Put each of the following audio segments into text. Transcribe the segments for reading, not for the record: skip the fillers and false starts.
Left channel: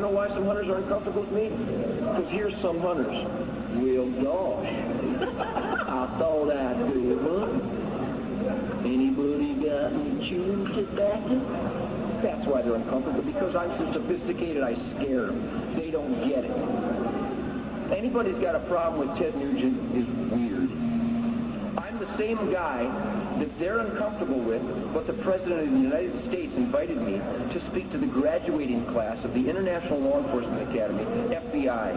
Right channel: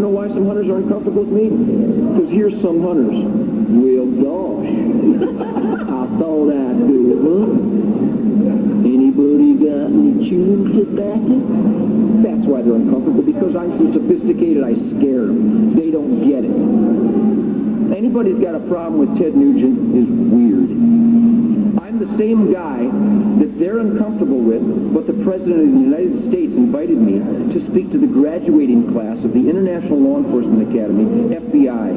to know why some hunters are uncomfortable with me? Because here's some hunters. Well, gosh, I thought I'd do it, huh? Anybody got any chewing tobacco? That's why they're uncomfortable, because I'm so sophisticated I scare them. They don't get it. Anybody's got a problem with Ted Nugent is weird. I'm the same guy that they're uncomfortable with, but the President of the United States invited me to speak to the graduating class of the International Law Enforcement Academy, FBI.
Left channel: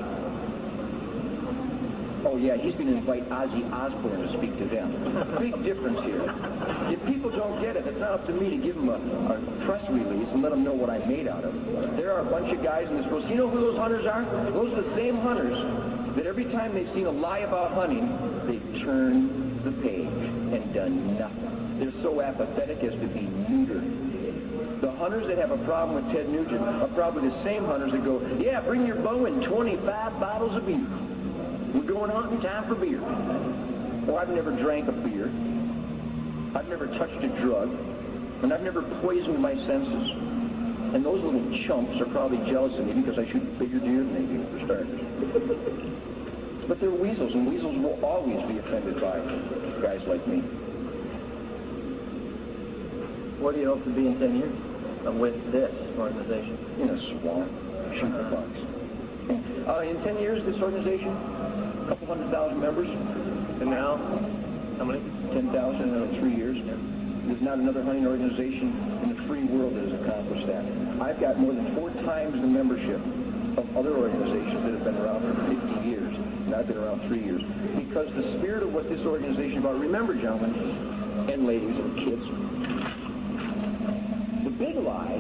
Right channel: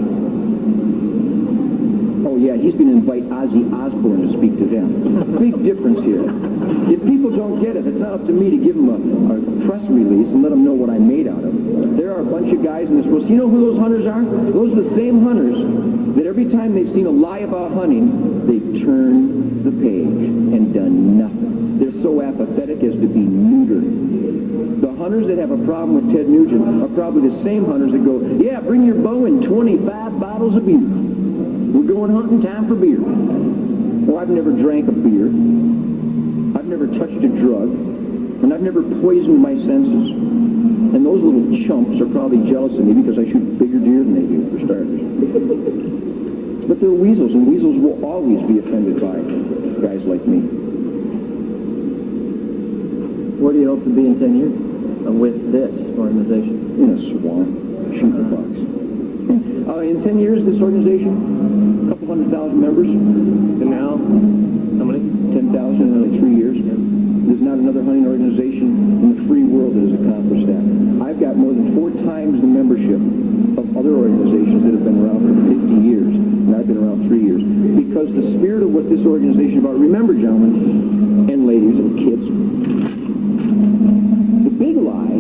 Oh yeah, he's going to invite Ozzy Osbourne to speak to them. Big difference here. If people don't get it, it's not up to me to give them a press release and let them know what I'm made out of. There are a bunch of guys in this world. So you know who those hunters are? Those are the same hunters that every time they've seen a lie about hunting, they've turned the page and done nothing. They're so apathetic as to be neutered. The hunters that have a problem with Ted Nugent are probably the same hunters that go, yeah, bring your bow and 25 bottles of beer. We're going hunting, time for beer. Well, I've never drank a beer. I've never touched a drug. And I've never poisoned my senses. And those little chumps are probably jealous of me because I shoot bigger deer than they do, for starters. But they're weasels, and weasels will always be offended by guys like me. Where do you hope to be in 10 years with this organization? In a swamp, shooting a box. In 10 years, this organization, a couple 100,000 members. And now, how many? 10,000 in 3 years. Yeah. There's not another hunting organization in the free world that has accomplished that. I've got more than 4 times the membership of other organizations that have been around for 50 years, and I've been around 3 years. Because the spirit of what this organization is about, remember, gentlemen and ladies and kids, the big lie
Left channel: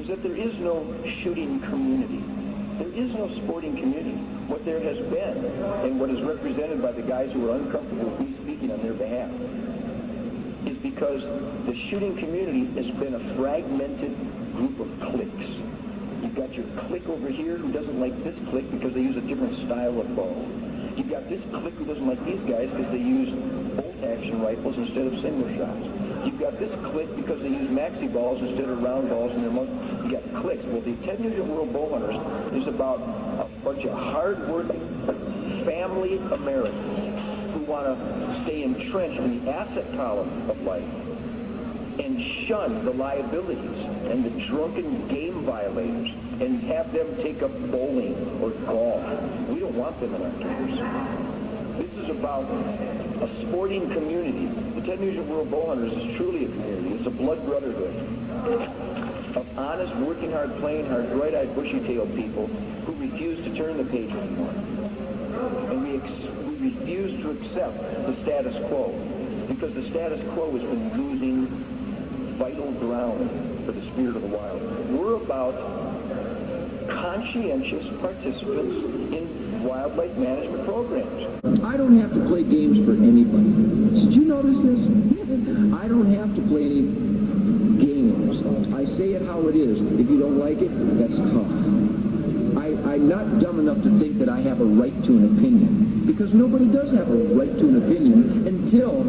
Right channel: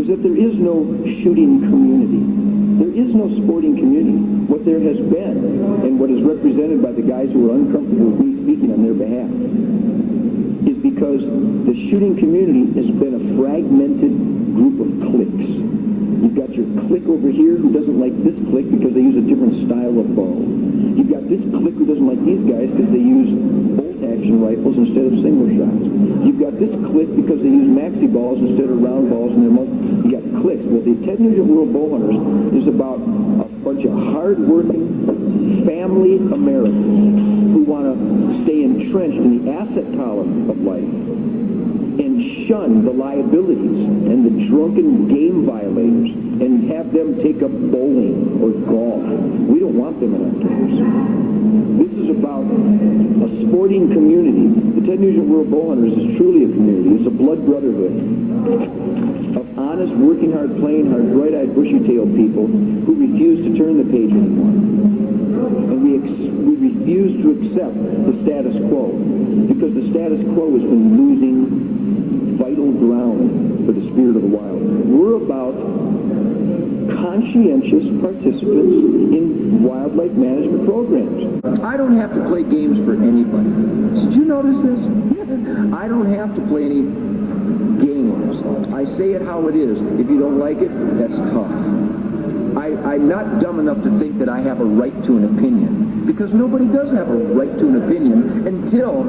is that there is no shooting community. There is no sporting community. What there has been, and what is represented by the guys who are uncomfortable with me speaking on their behalf, is because the shooting community has been a fragmented group of cliques. You've got your clique over here who doesn't like this clique because they use a different style of bow. You've got this clique who doesn't like these guys because they use bolt-action rifles instead of single shots. You've got this clique because they use maxi balls instead of round balls, and you got cliques. Well, the Ted Nugent World Bow Hunters is about a bunch of hard-working, family Americans who want to stay entrenched in the asset column of life and shun the liabilities and the drunken game violators and have them take up bowling or golf. We don't want them in our camps. This is about a sporting community. The Ted Nugent World Bow Hunters is truly a community. It's a blood brotherhood of honest, working hard, playing hard, bright-eyed, bushy-tailed people who refuse to turn the page anymore. And we refuse to accept the status quo because the status quo has been losing vital ground for the spirit of the wild. We're about conscientious participants in wildlife management programs. I don't have to play games for anybody. Did you notice this? I don't have to play any games. I say it how it is. If you don't like it, that's tough. I'm not dumb enough to think that I have a right to an opinion, because nobody does have a right to an opinion until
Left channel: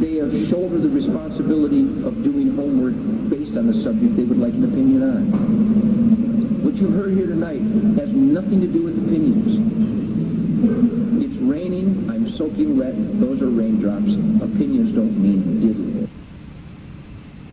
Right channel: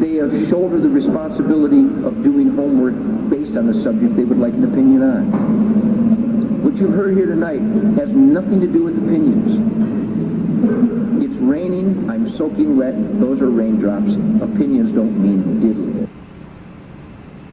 they have shouldered the responsibility of doing homework based on the subject they would like an opinion on. What you've heard here tonight has nothing to do with opinions. It's raining, I'm soaking wet, those are raindrops. Opinions don't mean diddly.